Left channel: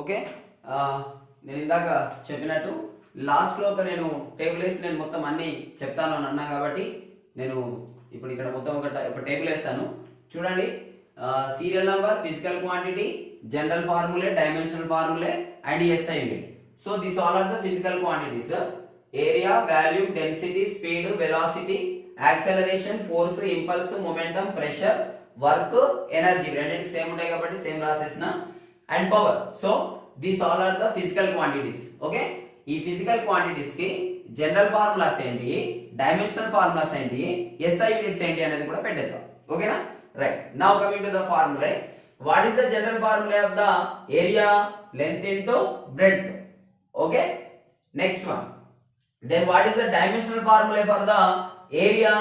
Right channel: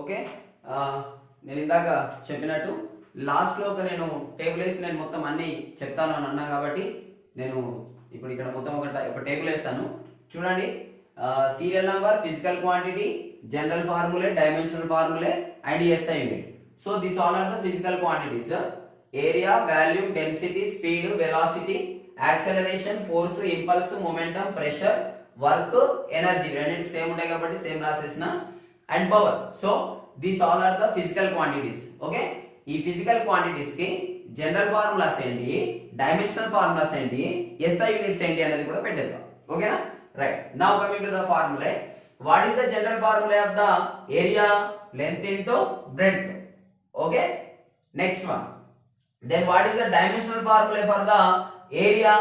Okay. నేను ఇందాక చెప్పినట్టు లాస్ట్లో ఒక నేను టేబుల్ వేసి నేను మొత్తం అన్నీ చెప్తాను అని అన్నా కాబట్టి నేను ఇప్పుడు ఇక్కడ మొత్తం ఒక టేబుల్ వేస్తాను చూడండి. Serial number, physical quantity, general formulae, dimensional formulae and SI unit. So this all are the physical quantities. Area, volume, density, speed, velocity, acceleration, force, impulse, momentum, pressure, work, energy రెండింటికి same ఉంటాయి కాబట్టి same రాసేసిన. And power. So these all are the physical quantities. Okay, ఈ physical quantities కి general formulas ఏంటి, dimensional formulas ఏంటి, SI units ఏంటి అనేది కూడా పెట్టేద్దాం. ఓకేనా? Right. Now coming to the formula. What is the general formula of the area? Length into breadth. Okay, next one. Then what is the dimensional formula for the area?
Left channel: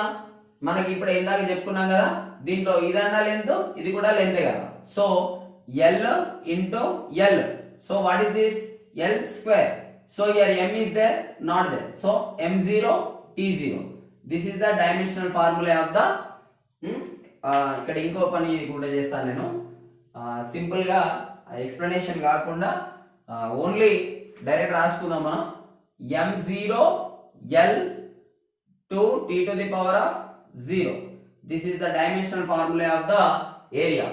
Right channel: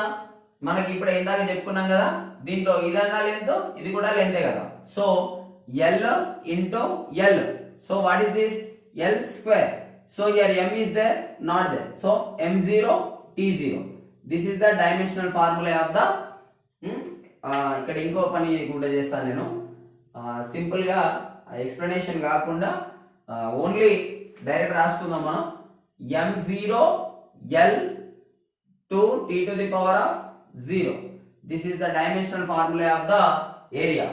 మనకి ఇప్పుడు ఇందాక చెప్పుకున్నాం కదా, దీంట్లో ఇదన్నా లెంత్, ఇది కూడా లెంతే కదా. So L into L. So what is this? L square. So here M is there, not there. So M0 T0. This is the dimensional formula of the ఇక్కడ ఇంకో పని కూడా చేస్తాను నేను. సింపుల్ గా ఎక్స్ప్లెనేషన్ కాకుండా ఓన్లీ డైరెక్ట్ రాసుకుందాం మనం. M0 L to T to the power of 0. This is the dimensional formula of the area.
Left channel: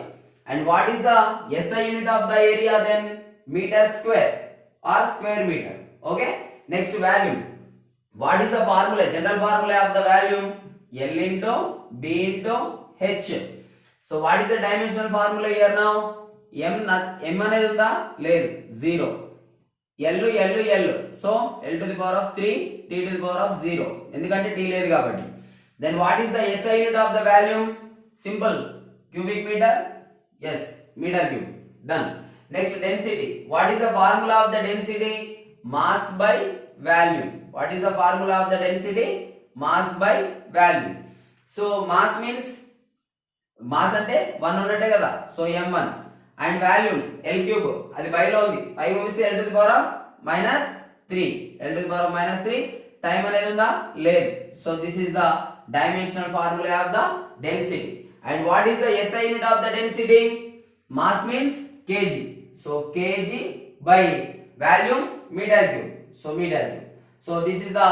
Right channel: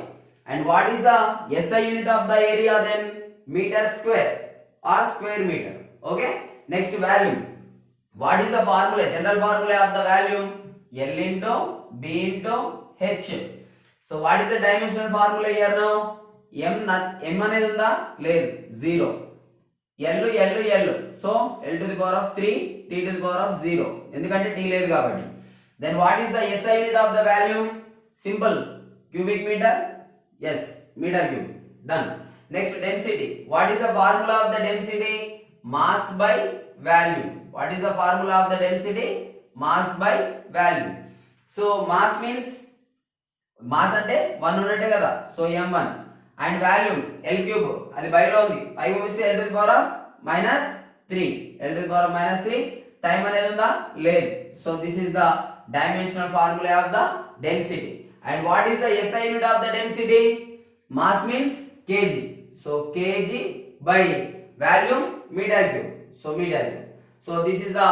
And what is the SI unit of the area then? Meter square or square meter. Okay. Next, volume. What is the formula? General formula of the volume? L into B into H. So what is the dimensional formula here now? M అనేది ఉందా? లేదు, 0. L. So L to the power of 3, T to the power of 0. ఎందుకంటే T లేదు కాబట్టి. Then what is the SI unit of the volume? Simple. Cubic meter. Yes, meter cube. Done. Next, density. What is the formula of the density? Mass by volume. What is the formula of the density? Mass by volume. So mass means mass అంటే 1 ఉన్నట్టే కదా. So m1 and volume L cube అది by లో ఉంది. పై పంపిస్తే L to the power of -3. L to the power of -3. Time అనేది ఉందా? లేదు. So this is the dimensional formula of the density. And what is the SI unit of the density? Mass means kg. So kg by volume meter cube. So meter cube. So this is the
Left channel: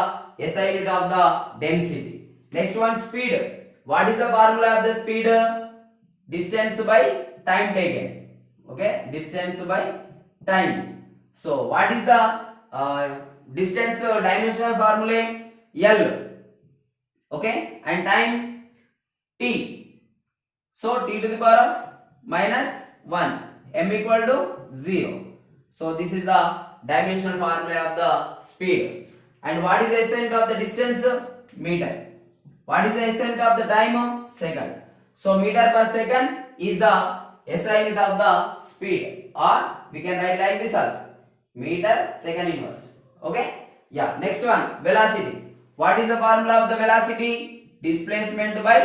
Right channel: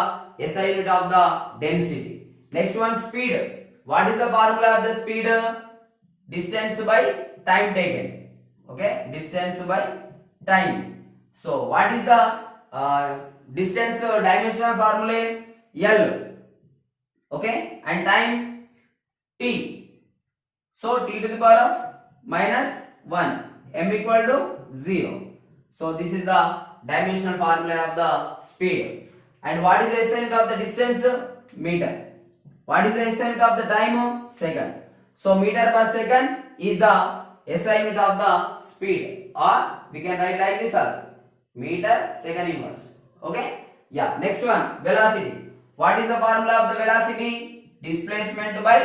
SI unit of the density. Next one, speed. What is the formula of the speed? Distance by time taken. Okay, distance by time. So what is the distance dimensional formula? L. Okay, and time t. So T to the power of -1, M equal to 0. So this is the dimensional formula of the speed. And what is the SI unit of the distance? Meter. What is the SI unit of the time? Second. So meter per second is the SI unit of the speed, or we can write like this also, meter second inverse. Okay, yeah. Next one, velocity. What is the formula of the velocity? Displacement by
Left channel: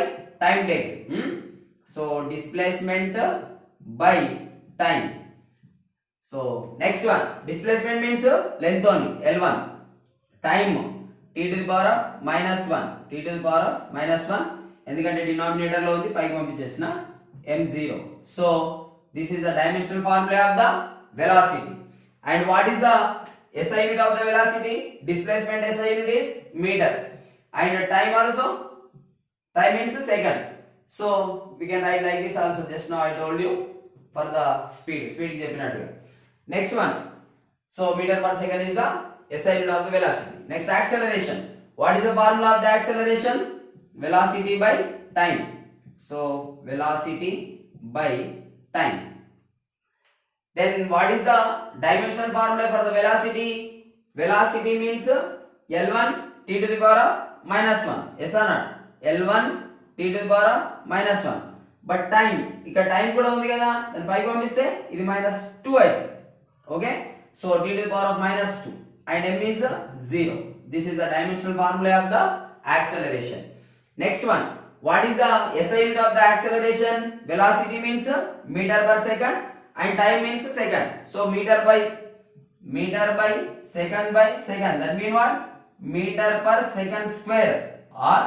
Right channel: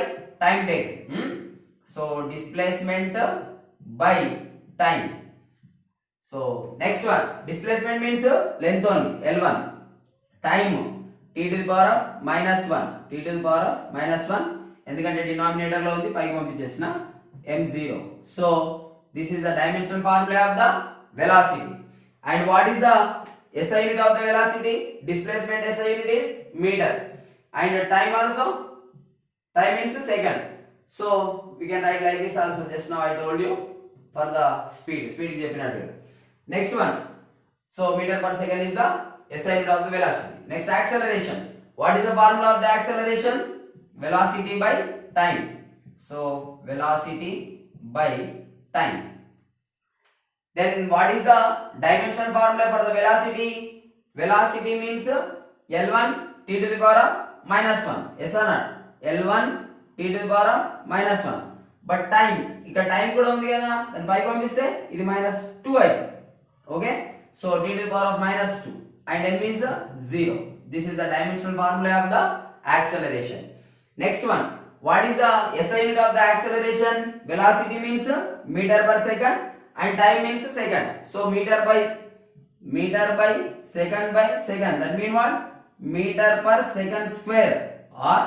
time taken. So displacement by time. So next one, displacement means length only, L1. Time T to the power of -1. T to the power of -1. ఎందుకంటే denominator లో ఉంది, పైకి పంపించేసిన M0. So this is the dimensional formula of the velocity. And what is the SI unit of the velocity? Displacement SI unit is meter. And time also, time means second. So we can write like this also. Just now I told you for the speed is చెప్పినట్టుగా. Next one, so meter per second is the SI unit of the velocity. Next, acceleration. What is the formula of the acceleration? Velocity by time. So velocity by time. Then what is the dimensional formula for the velocity? Velocity means L1 T to the power of -1. Yes or not? L1 T to the power of -1. But time, ఇక్కడ time కూడా ఉంది కదా, దాన్ని పైకి పంపిస్తే ఇది -2 అయితే. Okay, so T to the power of -2 and M is 0. This is the dimensional formula of the acceleration. Next one, what is the SI unit of the acceleration? Velocity means meter per second and time means second. So meter by second. That means what? Meter per second square or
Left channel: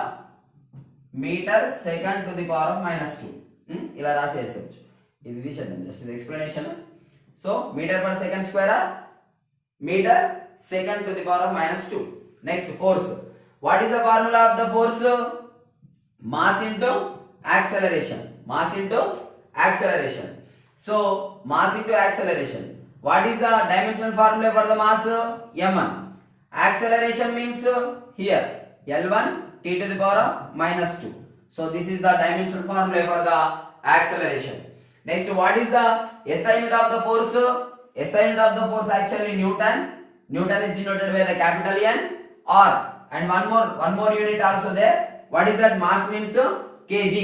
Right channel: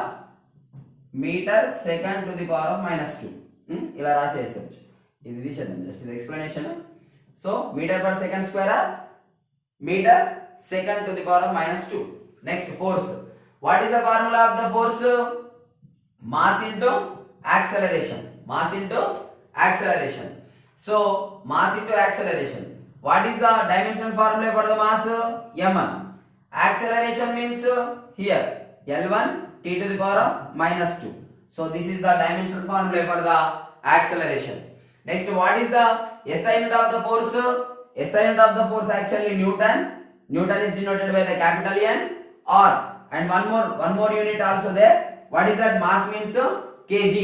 meter second to the power of -2. ఇలా రాసేయచ్చు. ఇది తీసేద్దాం, just ఇది explanation. So meter per second square or meter second to the power of minus 2. Next, force. What is the formula of the force? Mass into acceleration. Mass into acceleration. So mass into acceleration. What is the dimensional formula for the mass? m1. Acceleration means here L1 t to the power of minus 2. So this is the dimensional formula for the acceleration. Next, what is the SI unit of the force? SI unit of the force actually Newton. Newton is denoted by the capital N, or, and one more unit also there. What is that? Mass means kg.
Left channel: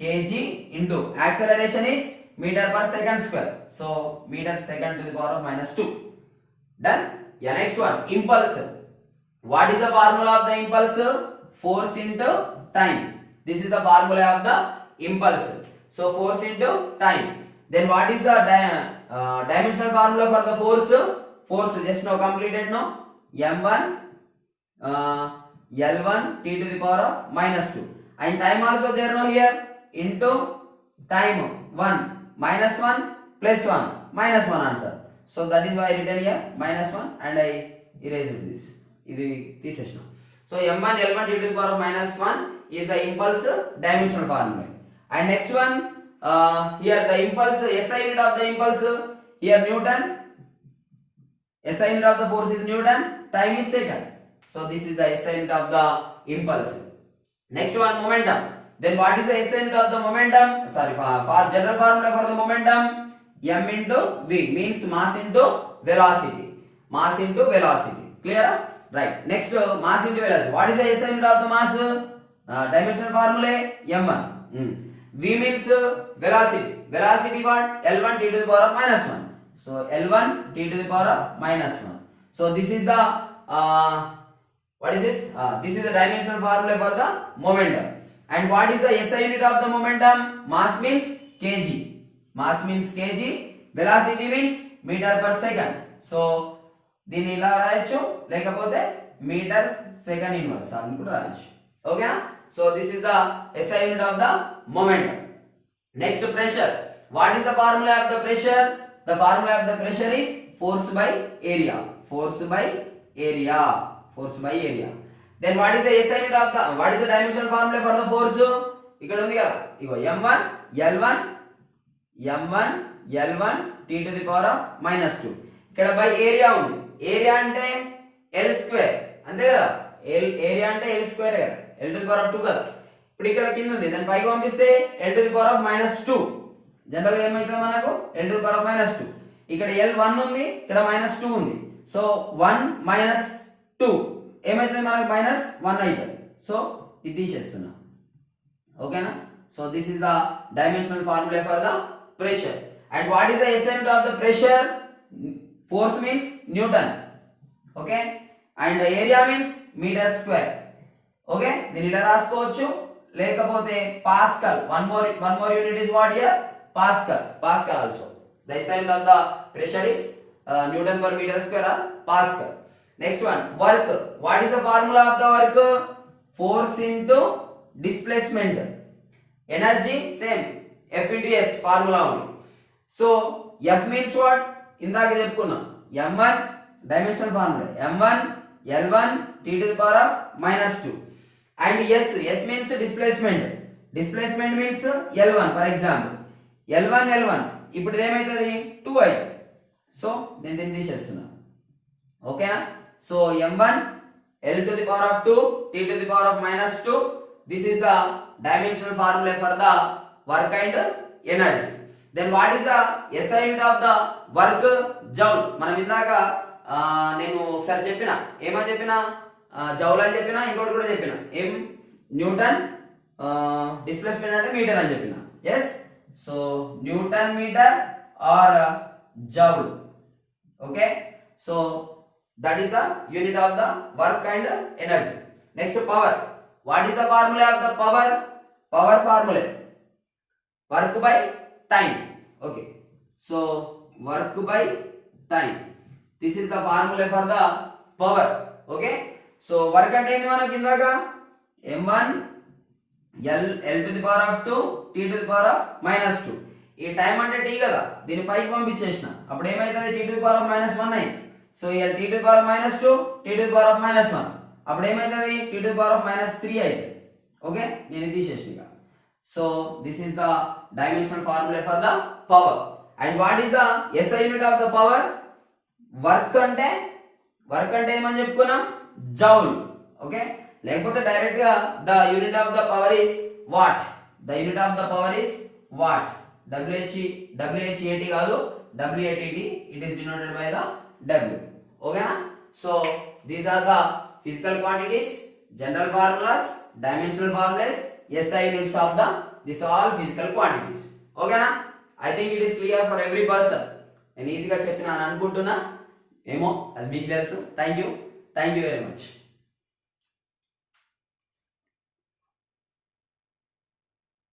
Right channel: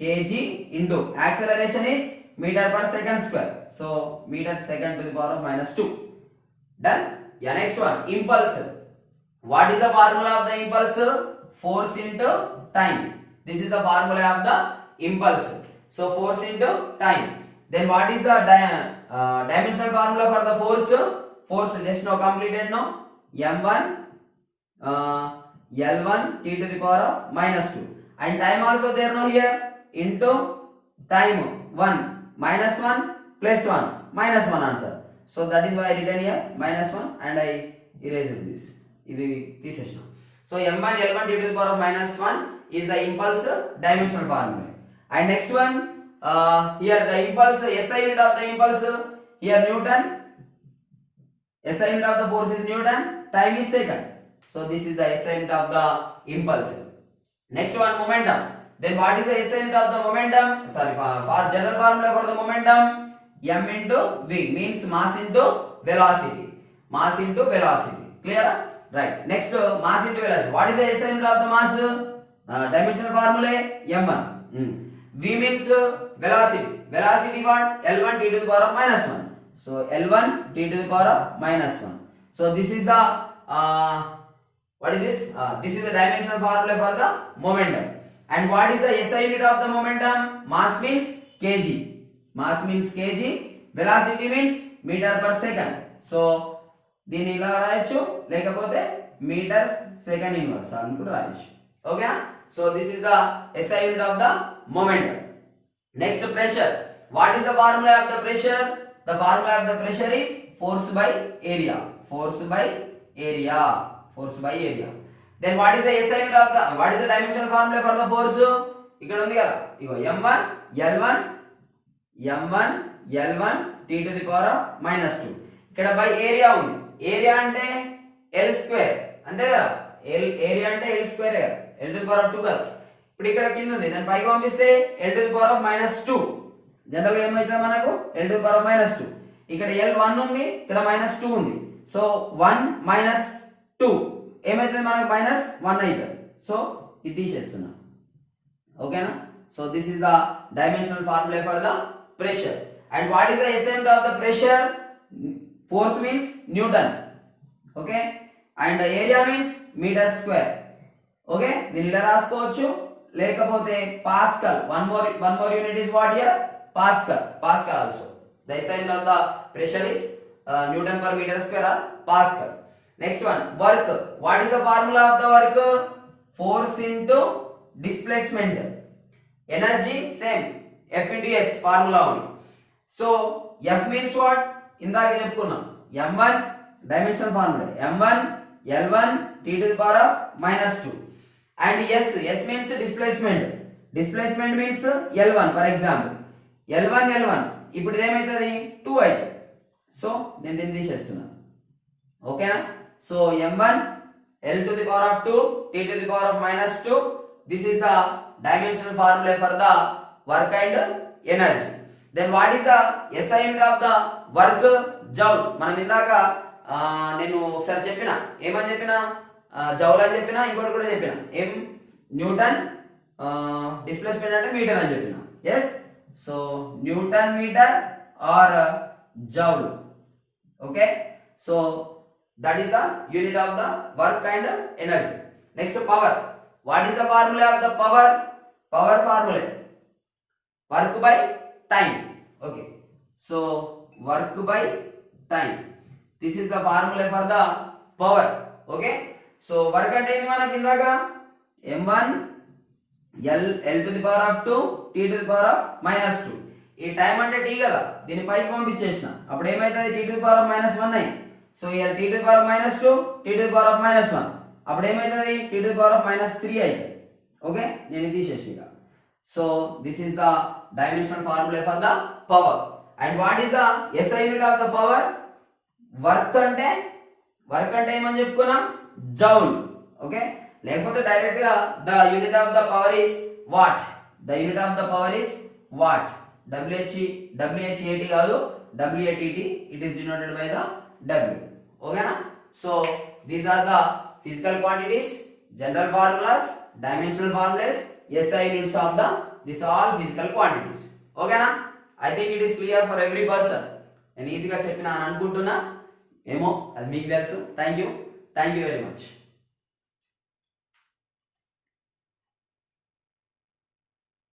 Kg into acceleration is meter per second square. So meter second to the power of minus 2. Done. Yeah, next one, impulse. What is the formula of the impulse? Force into time. This is the formula of the impulse. So force into time. Then what is the dimensional formula for the force? Force just now completed, no? m1 L1 t to the power of minus 2. And time also there, no, here, into time 1 minus 1 plus 1 minus 1 answer. So that is why I written here minus 1 and I erase this. This is now. So m1 L1 t to the power of minus 1 is the impulse dimensional formula. And next one, here the impulse, SI unit of the impulse, here Newton. SI unit of the force is Newton, time is second. So this is the SI unit of the impulse. Next one, momentum. Then what is the SI unit of the momentum? Sorry, for general formula for the momentum, m into v means mass into velocity. Mass into velocity. Clear? Right. Next, mass into velocity. What is the SI unit of the mass? Dimensional formula m1. V means velocity. Velocity what? L1 t to the power of minus 1. So L1 t to the power of minus 1. So this is the what is this? This is the dimensional formula for the momentum. And what is the SI unit of the momentum? Mass means kg. Mass means kg. Velocity means meter per second. So దీన్ని ఇలా రాయొచ్చు, లేకపోతే metre second inverse అని కూడా రాయొచ్చు. ఓకేనా? So this is the SI unit of the momentum. Next, pressure. What is the formula of the pressure? The formula of the pressure is force by area. Force by area. Force by area. Then what is the SI unit of the, what is the dimensional formula for the force? ఇక్కడ ఉంది కదా, ఇగో m1 L1 t to the power of minus 2. ఇక్కడ by area ఉంది. Area అంటే L square, అంతే కదా? Area అంటే L square కదా, L to the power of 2 కదా. ఇప్పుడు ఇక్కడ కింద ఉంది, దాన్ని పైకి పంపిస్తే L to the power of minus 2. General గా ఏమైతుంది మనకు? L to the power of minus 2. ఇక్కడ L1 ఉంది, ఇక్కడ minus 2 ఉంది. సో 1 minus 2 ఏమైతుంది మనకు? minus 1 అవుతుంది. సో ఇది తీసేస్తున్నాం. ఓకేనా? So this is the dimensional formula for the pressure. And what is the SI unit of the pressure? Force means Newton. Okay? And area means meter square. Okay? దీన్ని ఇలా రాసుకోవచ్చు, లేకపోతే pascal. One more unit is what here? Pascal. Pascal also. The SI unit of the pressure is Newton per meter square or Pascal. Next one, work. What is the formula of the work? Force into displacement. Energy same, F into S formula only. So F means what? ఇందాక చెప్పుకున్నాం, m1 dimensional formula, m1 L1 t to the power of minus 2. And S means displacement. Displacement means L1 for example. L1 ఇప్పుడు ఏమైతుంది? 2 అవుతుంది. So నేను దీన్ని తీసేస్తున్నాను. ఓకేనా? So m1 L to the power of 2 t to the power of minus 2. This is the dimensional formula for the work and energy. Then what is the SI unit of the work? Joule. మనం ఇందాక నేను ఒకసారి చెప్పిన, ఏమని చెప్పిన? Joule అని చెప్పిన, ఇంకోటి కూడా చెప్పిన, ఏం? న్యూటన్ డిస్ప్లేస్మెంట్ అంటే మీటర్ అని చెప్పిన. Yes, so newton meter or joule. Okay, so that is the unit of the work and energy. Next, power. What is the formula of the power? Power formula work by time. Okay, so work by time, this is the formula for the power. Okay, so work అంటే ఏంది మనకి? ఇందాక m1 L to the power of 2 t to the power of minus 2. ఈ time అంటే tea కదా, దీని పైకి పంపించేసిన అప్పుడు ఏమైతుంది, tea to the power of -1 అయింది. So year tea to the power of -2, tea to the power of -1 అప్పుడు ఏమైతుంది, tea to the power of -3 అవుతుంది. ఓకే, నేను ఇది తీసేసిన. So this is the dimensional formula for the power. And what is the SI unit of the power? Work అంటే ఏమని చెప్పుకున్నాం, joule. Okay, లేకపోతే డైరెక్ట్ గా the unit of the power is watt. The unit of the power is watt. WHAT కాదు, WATT. It is denoted by the W. ఓకేనా? So these are the physical quantities, general formulas, dimensional formulas, SI units of the these all physical quantities. ఓకేనా? I think it is clear for every person. నేను ఈజీగా చెప్పినా అని అనుకుంటున్నా, ఏమో అది మీకు తెలుసు. Thank you very much.